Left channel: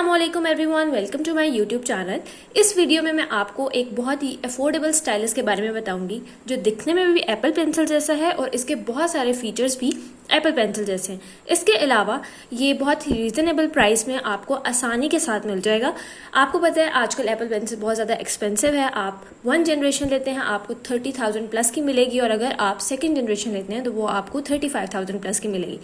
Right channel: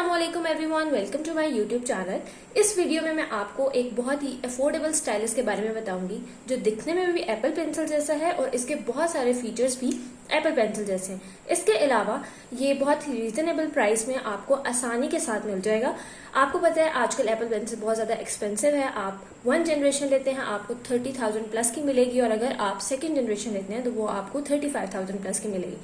अस्सलामुअलैकुम everyone, welcome to my YouTube channel. इस video में मैं आपको एक बहुत ही अफोर्डेबल स्टाइलस के बारे में बताऊंगी जो दिखने में भी एप्पल पेंसिल जैसा है और इसके बहुत सारे फीचर्स भी एप्पल पेंसिल जैसे हैं। इसके अलावा ये बहुत ही रीजनेबल प्राइस में आपको आसानी के साथ मिल जाएगा। आपको पता है आजकल एप्पल पेंसिल बहुत ज़्यादा एक्सपेंसिव है। आप 1 जनरेशन लेते हैं आपको 30,000 प्लस की मिलेगी और अगर आप 2nd जनरेशन लेते हैं तो वो आपको 35,000 प्लस की मिलेगी।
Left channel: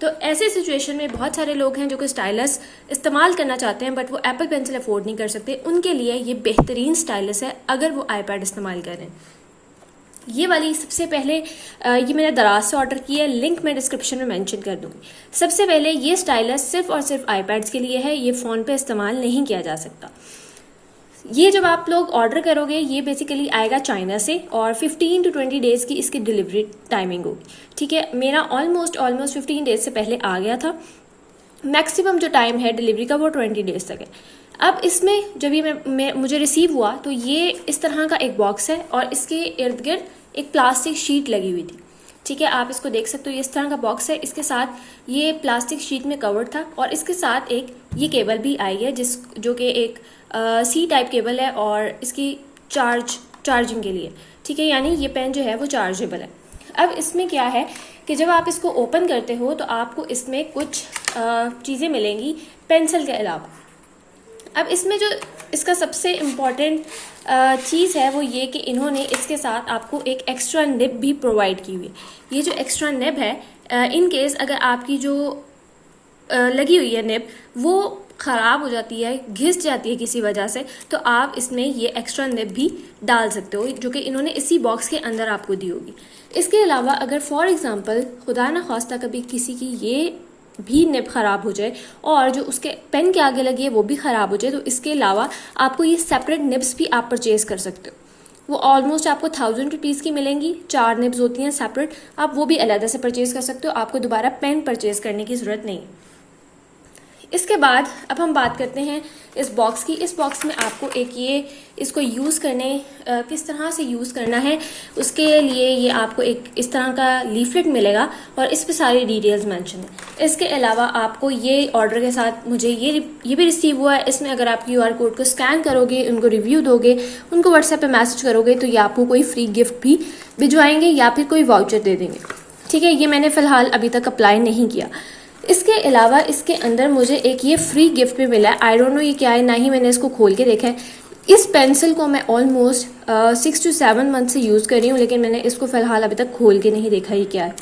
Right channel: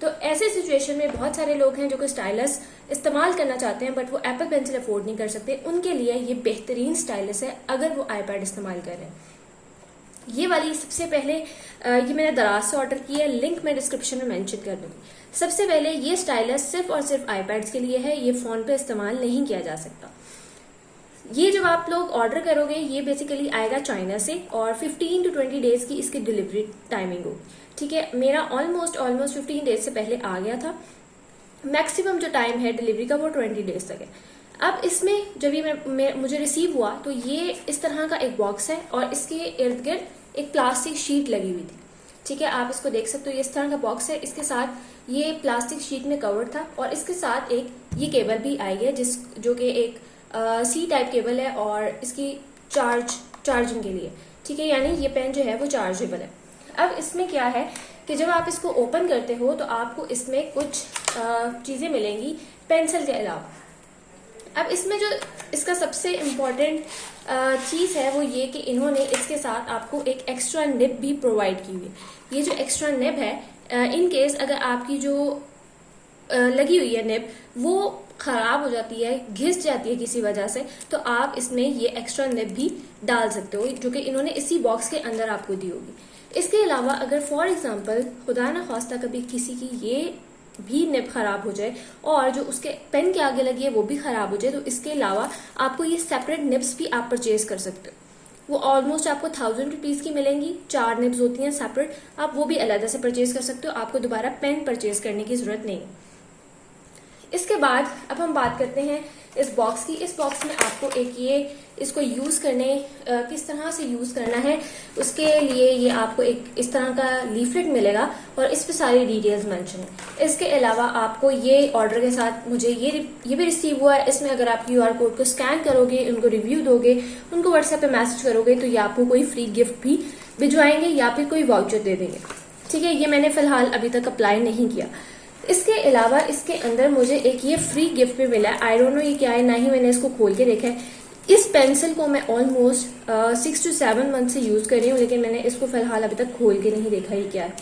तो ऐसे सिचुएशन में बहुत सारे लोग हैं जो कि स्टाइलस इस्तेमाल करना चाहते हैं बट वो एप्पल पेंसिल अफोर्ड नहीं कर सकते। उनके लिए ये बेहतरीन स्टाइलस है अगर वो आईपैड इस्तेमाल करें। ये वाली सबसे पहले ये मैंने दराज से ऑर्डर की है, लिंक मैं डिस्क्रिप्शन में मेंशन कर दूंगी। सबसे पहले ये स्टाइलस सिर्फ और सिर्फ आईपैड्स के लिए है, ये फ़ोन पे इस्तेमाल नहीं किया जा सकता। ये जब आप लोग ऑर्डर करोगे ये बेसिकली आएगा चाइना से और 15 to 20 डेज की इसकी डिलीवरी टाइमिंग होगी। ठीक है, मेरा ऑलमोस्ट 15 डेज से पहले आ गया था। मैक्सिमम जो टाइम है डिलीवरी का वो 20 डेज तक है। अब इसमें जब ये मुझे रिसीव हुआ तो ये इस तरह का एक बॉक्स है और इसके इर्द गिर्द एक प्लास्टिक शीट लगी हुई थी। ठीक है, आप इसको देख सकते हो, ये इस तरह का बॉक्स है। इसके साथ ये प्लास्टिक शीट में कवर्ड था और इसके साथ एक ये केबल भी आई है जो कि एक सी टाइप केबल है और इसकी चार्जिंग के लिए। ठीक है, यानी ये पेन जो है वो चार्जेबल है। अब इसमें क्या है कि जब आप इसको ओपन करते हो तो आपको इसमें कुछ चीज़ें मिलेंगी पेंसिल के अलावा। अब इसमें जो इसका सबसे इम्पॉर्टेंट चीज़ है वो ये कि इन्होंने इसके साथ आपको एक एक्स्ट्रा निब भी प्रोवाइड की हुई है। ये जो एक्स्ट्रा निब है, इन केस अगर आपकी जो लगी हुई है निब वो खराब हो जाती है, घिस जाती है किसी वजह से, तो आप इसमें ये एक्स्ट्रा निब भी डाल सकते हो जो कि इन्होंने इसी बॉक्स के अंदर आपको दी होगी। इसके अलावा अगर फॉर एग्जांपल खुदा न खास्ता कभी किसी की ये भी निब खराब हो जाए और जो उसके पेन के आगे लगी है वो भी खराब हो जाए तो इसके अलावा आपको ये सेपरेट निब्स भी आप परचेज कर सकते हो। वो ऑलमोस्ट आपको 1000 रुपीज़ की मिलेंगी। 4 निब्स होती हैं सेपरेट, आप वो भी अलग से परचेज कर सकते हो। आपको दोबारा पेन परचेज करने की जरूरत नहीं है। इसके बाद अब हम बात करते हैं इस बॉक्स की। इस बॉक्स में आपको एक ये इसको यूज़ करने किस तरह से यूज़ करना है उसके लिए ये आपको एक इस तरह का लीफलेट मिलेगा और इस पे सारी डिटेल्स मेंशन है। इसके अलावा आपको ये ऑर्डर के साथ मुझे ये भी रिसीव हुआ है। इसमें अगर आप QR कोड को स्कैन करोगे, उनको रिव्यू दोगे, उनको व्हाट्सएप पे मैसेज करोगे तो ये आपको कोई फ्री गिफ्ट भी भिजवाएंगे या फिर कोई वाउचर दे देंगे। ठीक है, ये मैंने फिलहाल अभी तक अप्लाई नहीं किया। इसके अलावा इसके अंदर मुझे एक ये फ्री गिफ्ट भी मिला है। आई डोंट नो ये क्या है, ना ही मैंने इसको खोल के देखा है। इस पेंसिल को मैं ऑलमोस्ट 6 to 7 मंथ से यूज कर रही हूँ लेकिन मैंने इसको फिलहाल अभी तक खोल के नहीं देखा ये क्या है।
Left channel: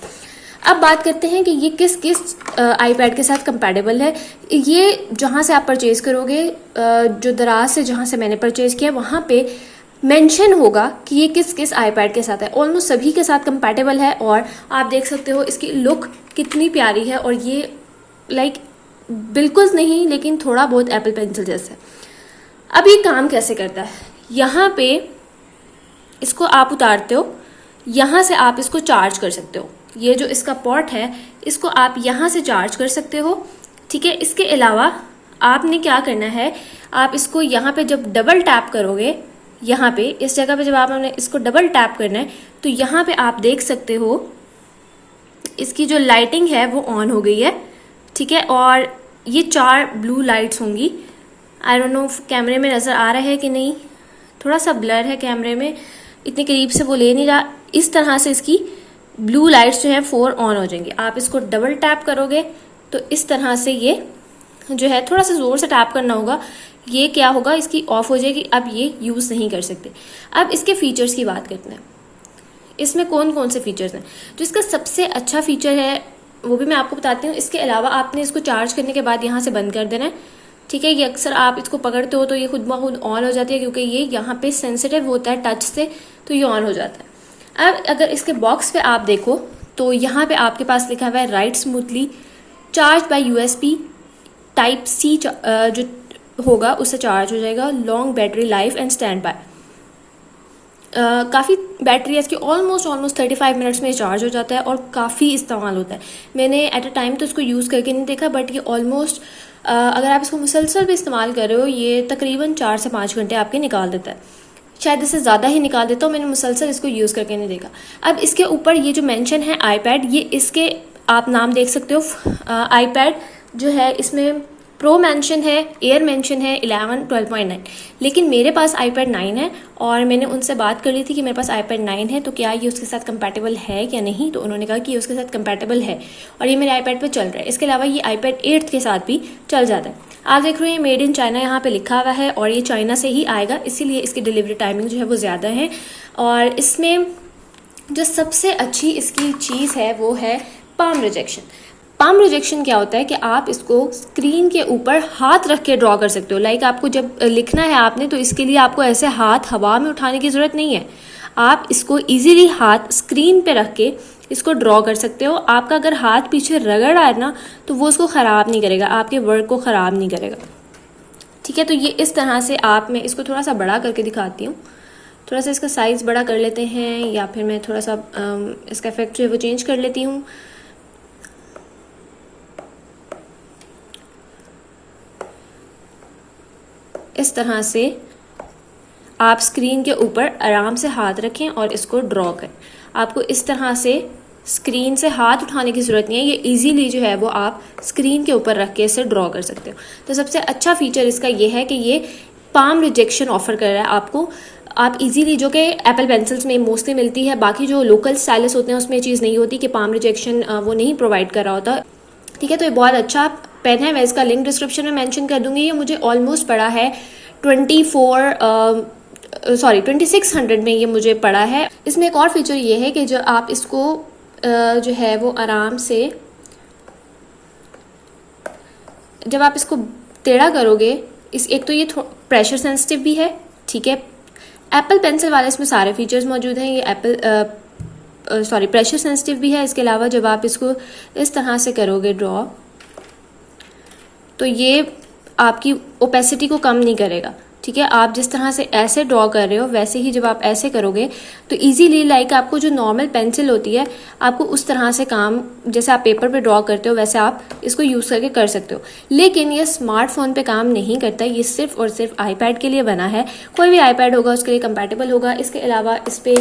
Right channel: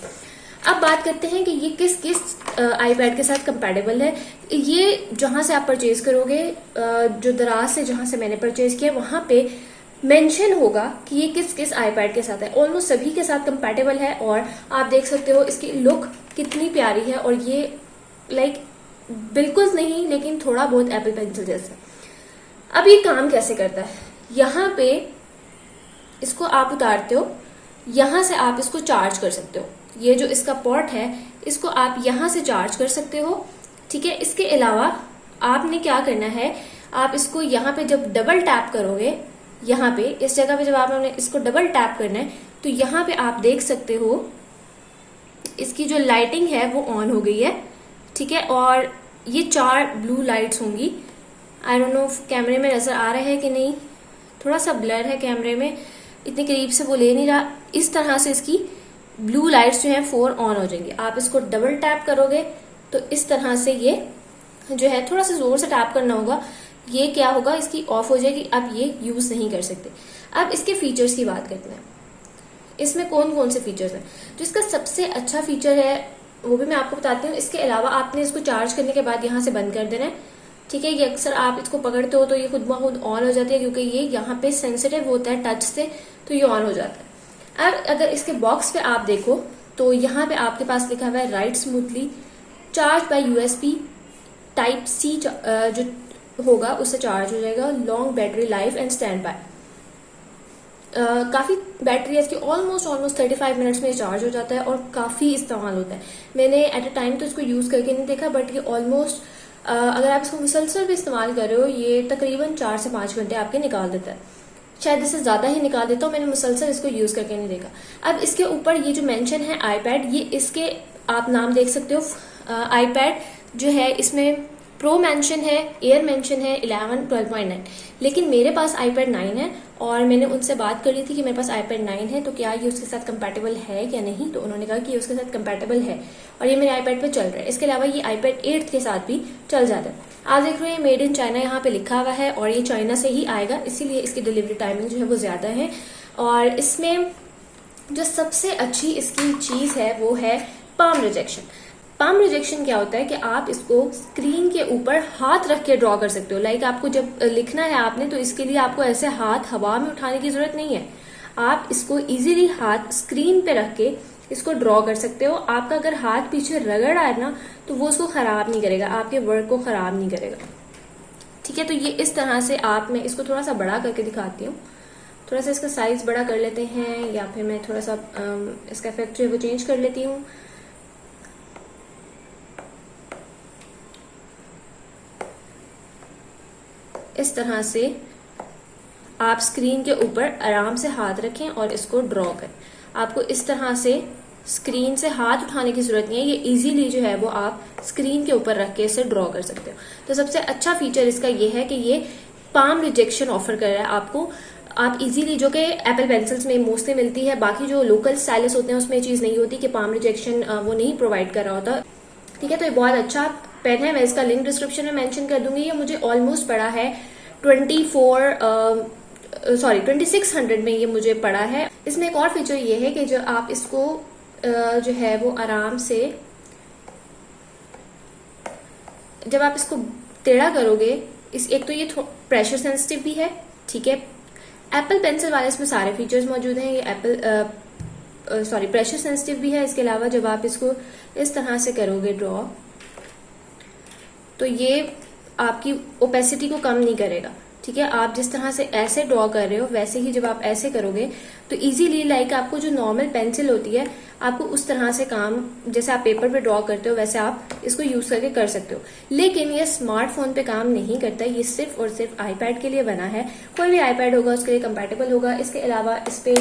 अब बात करते हैं कि ये किस किस आईपैड के साथ कंपैटिबल है। ये जहां से आप परचेज करोगे, जो दराज से जहां से मैंने परचेज किया वहां पे मेंशन होगा कि ये किस किस आईपैड के साथ है। ऑलमोस्ट सभी के साथ कंपैटिबल है और आप देख सकते हो इसकी लुक कितनी प्यारी है और ये लाइक बिल्कुल नहीं लेकिन थोड़ा बहुत एप्पल पेंसिल जैसा है। अब ये काम कैसे करता है, यहाँ पे इसको आप उतारते हो, यहाँ से आप इसको चार्ज कर सकते हो। ये जो इसका पोर्ट है इसको आप यहाँ से चार्ज कर सकते हो। ठीक है, इसके अलावा आपने क्या करना है, आप इसको यहाँ पे जब डबल टैप करोगे, यहाँ पे इस जगह पे जब आपने इसको डबल टैप करना है तो यहाँ पे आप देख सकते हो इसकी जो लाइटिंग है वो ऑन हो गई है। ठीक है, और ये 4 ब्लू लाइट्स होंगी। आई डोंट नो कैमरे में नजर आ रहा है कि नहीं, थोड़ा सा ब्लर है कैमरे में, इतनी करीब से वो ले नहीं रहा। इस तरह से इसकी ब्लू लाइट्स जो है 4 ऑन हो जाएंगी। आप इसको डबल टैप करोगे तो इस तरह से ये जो है, थोड़ा सा जोर से टैप करना होगा, ये क्या होगा इसकी ऑफ हो जाएगी। अब ये यूज नहीं कर सकते। अब इसके फीचर्स की बात करते हैं, इसमें कौन कौन से फीचर्स हैं। जो इसका सबसे अच्छा फीचर है वो भी मैं आपको बताती हूँ। इसके अलावा आपने इसको चार्ज करने के बाद यहाँ से बंद कर देना है। ठीक है, ये अक्सर आप इसको पकड़ते हो तो ये खुद ब खुद ऑन हो जाती है क्योंकि ये यहाँ पे सेंसिटिव होता है टच से, तो ये ऑन हो जाता है। अब अगर इसके बॉक्स पे आप देखो तो यहाँ पे आपके पास लिखा हुआ है right smoothly, charge by USB type C जो होगा उससे चार्ज हो जाएगा, long battery life and stand by. काफ़ी बैटरी है इसकी, ऑलमोस्ट 35 मिनट्स में चार्ज हो जाता है और काफ़ी इस्तेमाल होता है। मैंने एट अ टाइम तो इसको यूज़ करके नहीं देखा बट ये ऑलमोस्ट अगर आप इसको मुसलसल भी इस्तेमाल कर रहे हो ये तकरीबन 4 से 5 घंटे आपके निकाल देता है, शायद इससे ज़्यादा ही निकाल देता हूँ। मैंने मुसलसल इसको यूज़ करके नहीं देखा। अब इसके ऊपर ये जो मेंशन है आईपैड, ये इसके आप नाम देख सकते हो। आईपैड जो है इसमें प्रो मेंशन है, एयर मेंशन है 11, 12.9। लेकिन मेरे पास iPad 9 है और मैंने उनसे बात कर ली थी कि मेरे पास iPad 9 है तो क्या ये उसके साथ कंपैटिबल है या नहीं, तो उन्होंने कहा कि ये उसके साथ कंपैटिबल है और ये मेरे iPad पे चल रहा है। इसके अलावा ये iPad 8 के साथ भी चल जाता है। आप देख रहे हैं मेड इन चाइना यहाँ पे लिखा हुआ है और ये चाइना से ही आएगा, इसीलिए इसकी डिलीवरी टाइमिंग जो है वो ज़्यादा है। और इसमें जो सबसे अच्छी इसकी चीज़ है वो है पाम रिजेक्शन। पाम रिजेक्शन क्या होता है कि आप इसको स्क्रीन के ऊपर हाथ रख के ड्रॉ कर सकते हो। लाइक आपको जब लिखना है आपने, तो इसके लिए आपको ऐसे हाथ हवा में उठाने की जरूरत नहीं है। आप इसको इजीली हाथ स्क्रीन पे रख के इसको ड्रॉ कर सकते हो। आपका अगर हाथ पीछे रगड़ आए ना तो वो उसको ख़राब नहीं करेगा, आपके वर्क को ख़राब नहीं करेगा। ठीक है, तो ये इस तरह से मैं इसको थोड़ा सा बड़ा करके दिखाती हूँ। थोड़ा सा इसका साइज़ बड़ा कर लेते हैं या फिर मैं थोड़ा सा इसका इफेक्ट जो है वो चेंज कर लेती हूँ। इस तरह से आप स्क्रीन के ऊपर आराम से हाथ रखें और इसको ड्रॉ करें। आपको इस तरह से स्क्रीन से हाथ उठाने की जरूरत नहीं है, ये इजीली जो है वो आप स्क्रीन के ऊपर रख के इसे ड्रॉ कर सकते हो। तो सबसे अच्छा फीचर इसका ये है कि ये पाम रिजेक्शन ऑफर कर रहा है आपको। आप इजीली, जो कि एप्पल पेंसिल्स में मोस्टली मिलती है, बाकी जो लोकल स्टाइलिस होते हैं उसमें चीज़ नहीं होती कि पाम रिजेक्शन वो नहीं प्रोवाइड कर रहा होता। ठीक है, तो ये बहुत अच्छा पेन है। मैं इसका लिंक डिस्क्रिप्शन में मेंशन कर दूंगी। ये मुझे ऑलमोस्ट पड़ा है 2600 में ये मुझे पड़ा है। इसमें एक और फीचर ये है कि जो आप इसको जो है वो आराम से, जब आप इसको टेढ़ा करोगे, एक तो ये प्रेशर सेंसिटिव भी है। ठीक है, एप्पल पेंसिल वाले इसमें सारे फीचर्स मौजूद हैं। ये प्रेशर सेंसिटिव भी है। इसके अलावा जब आप इसको इस तरह से करोगे ड्रॉ, तो ये आपकी ओपेसिटी को कम नहीं करेगा। ठीक है, आप जिस तरह से ऐसे ड्रॉ कर रहे हो वैसे ही जब आप ऐसे करोगे तो इजीली, लाइक आपको जो नॉर्मल पेंसिल होती है आपको उस तरह से काम, जैसे आप पेपर पे ड्रॉ करते हो वैसे आप इसको यूज करके कर सकते हो। लेकिन ये स्मार्टफोन पे काम नहीं करता, ये सिर्फ और सिर्फ iPad के लिए बना है। कोई भी iPad होगा उसके लिए कंपैटिबल होगा। इसके अलावा इस पे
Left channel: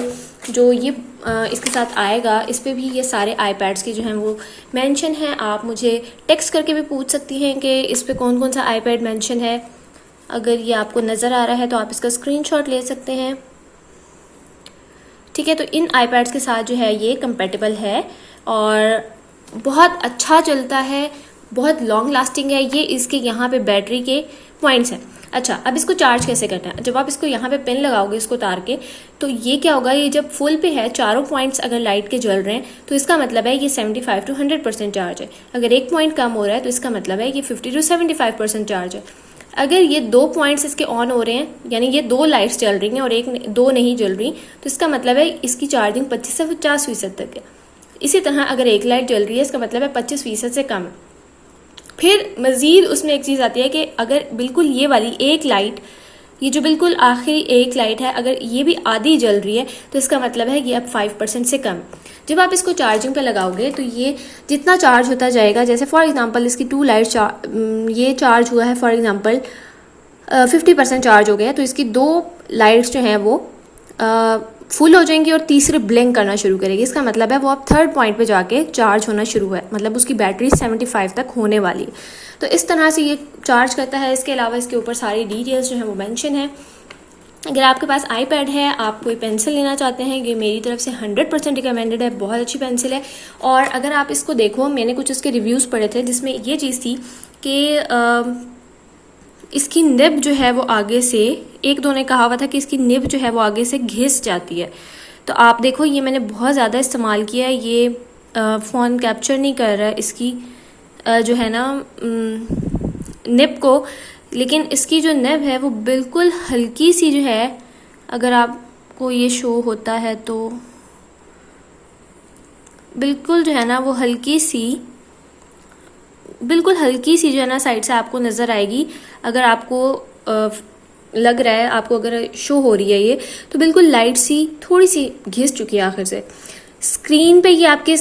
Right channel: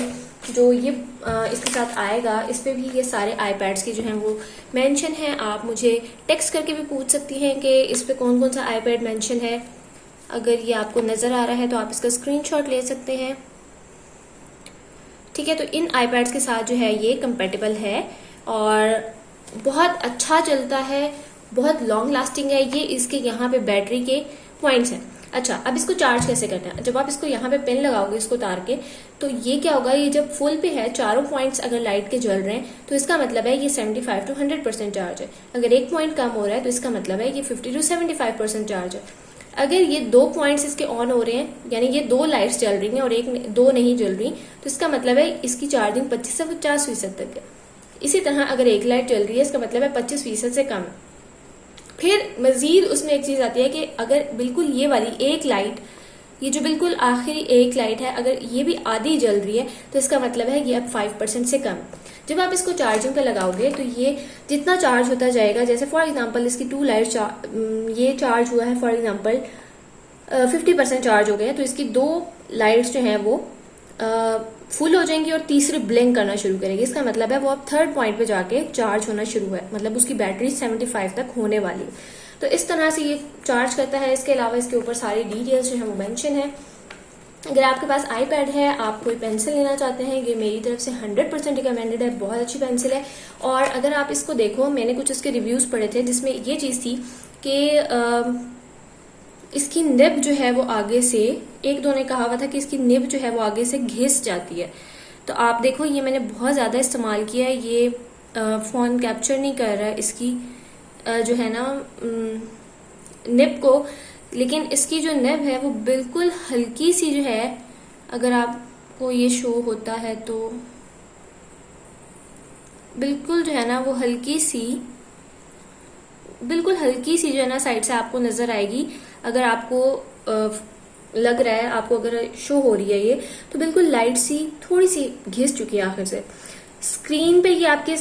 जो ये इसके साथ आएगा, इस पे भी ये सारे iPads की जो है वो मेंशन है। आप मुझे टेक्स्ट करके भी पूछ सकती हैं कि इस पे कौन कौन सा iPad मेंशन है। अगर ये आपको नज़र आ रहा है तो आप इसका स्क्रीनशॉट ले सकते हैं। ठीक है, तो इन iPads के साथ जो है ये कंपैटिबल है और बहुत अच्छा चलता है, बहुत लॉन्ग लास्टिंग है। ये इसके यहाँ पे बैटरी के पॉइंट्स हैं। अच्छा, अब इसको चार्ज कैसे करना है? जब आप इसको यहाँ पे पेन लगाओगे इसको उतार के, तो ये क्या होगा, ये जब फुल पे है, चारों पॉइंट्स अगर लाइट के जल रहे हैं तो इसका मतलब है ये 75 to 100% चार्ज है। अगर एक पॉइंट कम हो रहा है तो इसका मतलब है ये 50 to 75% चार्ज है। अगर ये 2 पॉइंट्स इसके ऑन हो रहे हैं, यानी ये 2 लाइट्स जल रही हैं और 2 नहीं जल रही, तो इसका मतलब है इसकी चार्जिंग 25 से 50% तक है। इसी तरह अगर एक लाइट जल रही है इसका मतलब है 25% से कम। फिर मजीद उसमें एक चीज आती है कि अगर बिल्कुल ये वाली एक लाइट, ये जो बिल्कुल आखिरी एक लाइट है, अगर ये भी आधी जल रही है तो इसका मतलब है ये अब 5% से कम। जब आप इसको चार्जिंग पे लगाओगे तो ये जितना चार्ज होता जाएगा, जैसे फॉर एग्जांपल इसकी 2 लाइट ये चार्ज हुआ है, फॉर एग्जांपल 50% चार्ज हो गया है, तो इसकी 2 लाइट्स जो हैं वो फुल हो जाएंगी और तीसरे ब्लिंक करना शुरू करेगी। इसका मतलब है वो अब 3rd पॉइंट पे जाके चार्ज होना शुरू है, मतलब उसकी बैटरी 75 तक होने वाली है। तो इस तरह से ये चार्ज करता है। इसके अलावा इसके ऊपर सारी डिटेल्स जो है वो मेंशन है। अगर आपके पास iPad है, आप कोई पेंसिल लेना चाहते हैं, ये मेरी तरफ से 100% रिकमेंडेड है, बहुत अच्छी पेंसिल है। और अगर आप इसको देखो, मैंने कुछ इसके रिव्यूज़ पढ़े थे जिसमें ये चीज़ थी कि इसकी निब जो है वो आगे से, एक दो ने कहा हुआ था कि इसकी निब जो है वो आगे से घिस जाती है। तो आप देखो, ये मैंने बहुत ज़्यादा इस्तेमाल किया है, ये फ़ोन कैप्चर नहीं कर रहा है इसकी जो है ना निब को, लेकिन इसकी जो निब है वो बिल्कुल हल्की सी जो है, अगर आपको ये शो होता है तो बिल्कुल जो है ना वो बिल्कुल हल्की सी जो है ना साइड से आपको नज़र आएगी। अगर आपको लग रहा है, आपको अगर शो हो रही है ये, तो बिल्कुल लाइट सी थोड़ी सी घिस चुकी है आखिर से। स्क्रीन पे ये आपके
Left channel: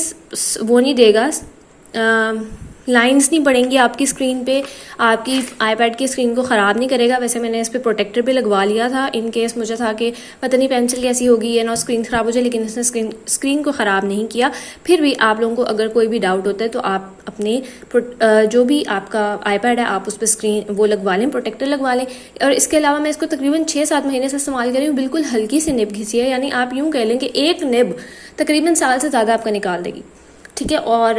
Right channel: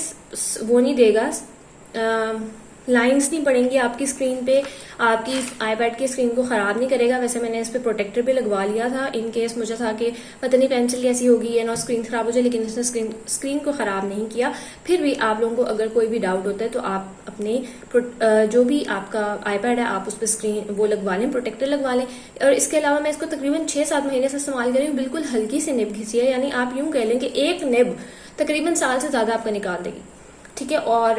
वो नहीं देगा, लाइंस नहीं पड़ेंगी आपकी स्क्रीन पे, आपकी आईपैड की स्क्रीन को ख़राब नहीं करेगा। वैसे मैंने इस पे प्रोटेक्टर भी लगवा लिया था इन केस मुझे था कि पता नहीं पेंसिल कैसी होगी या ना स्क्रीन ख़राब हो जाए, लेकिन इसने स्क्रीन को ख़राब नहीं किया। फिर भी आप लोगों को अगर कोई भी डाउट होता है तो आप अपने जो भी आपका आईपैड है आप उस पर स्क्रीन वो लगवा लें, प्रोटेक्टर लगवा लें। और इसके अलावा मैं इसको तकरीबन 6-7 महीने से इस्तेमाल कर रही हूँ। बिल्कुल हल्की सी निब घिसी है, यानी आप यूँ कह लें कि एक निब तकरीबन साल से ज़्यादा आपका निकाल देगी, ठीक है। और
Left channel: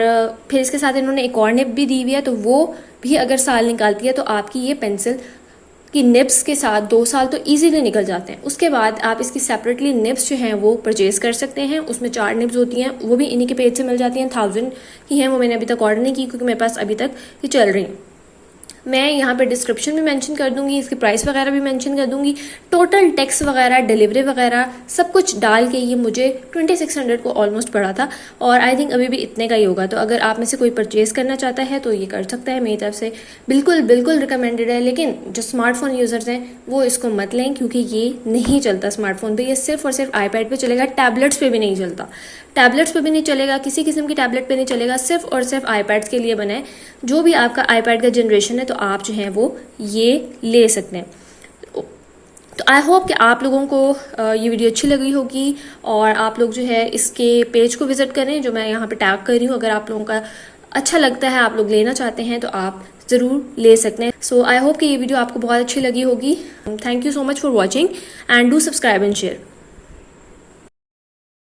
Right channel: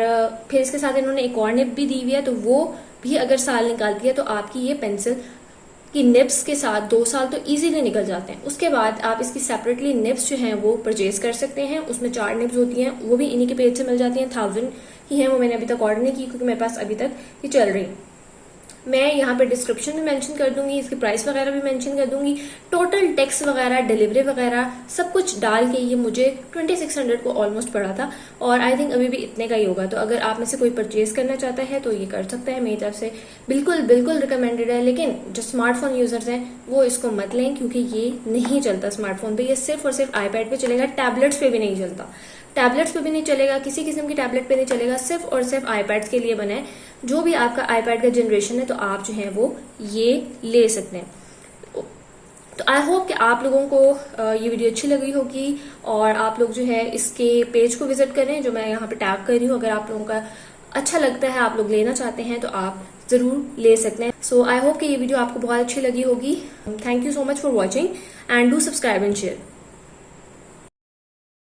फिर इसके साथ इन्होंने एक और निब भी दी हुई है, तो वो भी अगर साल निकालती है तो आपकी ये पेंसिल की निब्स के साथ 2 साल तो इजीली निकल जाते हैं। उसके बाद आप इसकी सेपरेटली निब्स जो हैं वो परचेज कर सकते हैं। उसमें 4 निब्स होती हैं, वो भी इन्हीं के पेज से मिल जाती हैं। 1000 की हैं, वो मैंने अभी तक ऑर्डर नहीं की क्योंकि मेरे पास अभी तक ये चल रही हैं। मैं यहाँ पे डिस्क्रिप्शन में मेंशन कर दूंगी, इसकी प्राइस वगैरह भी मेंशन कर दूंगी। टोटल टैक्स वगैरह, डिलीवरी वगैरह सब कुछ डाल के ये मुझे 2600 को ऑलमोस्ट पड़ा था, और आई थिंक अभी भी इतने का ही होगा। तो अगर आप में से कोई परचेज करना चाहता है तो ये कर सकता है, मेरी तरफ से बिल्कुल बिल्कुल रिकमेंडेड है। लेकिन जो स्मार्टफोन यूजर्स हैं वो इसको मत लें, क्योंकि ये नहीं चलता स्मार्टफोन पे, ये सिर्फ और सिर्फ आईपैड पे चलेगा, टैबलेट्स पे भी नहीं चलता। टैबलेट्स पे भी नहीं चलेगा, किसी किस्म की टैबलेट पे नहीं चलेगा, सिर्फ और सिर्फ आईपैड्स के लिए बना है। जो भी आपका आईपैड का जनरेशन है तो आप जो है वो ये ले सकते हैं। तो आई होप कि आप लोगों को ये वीडियो अच्छी लगी होगी, और आप लोग जो है इसके पेज को विजिट करें जो मैं यहाँ पे टैग कर रही हूँ। अगर आप लोगों का अच्छा लगता है, आप लोग लेना चाहते हैं तो आप ज़रूर ले सकते हैं। सो आई होप कि ये वीडियो आपको बहुत अच्छी लगी होगी। Thank you so much for watching and do subscribe and share.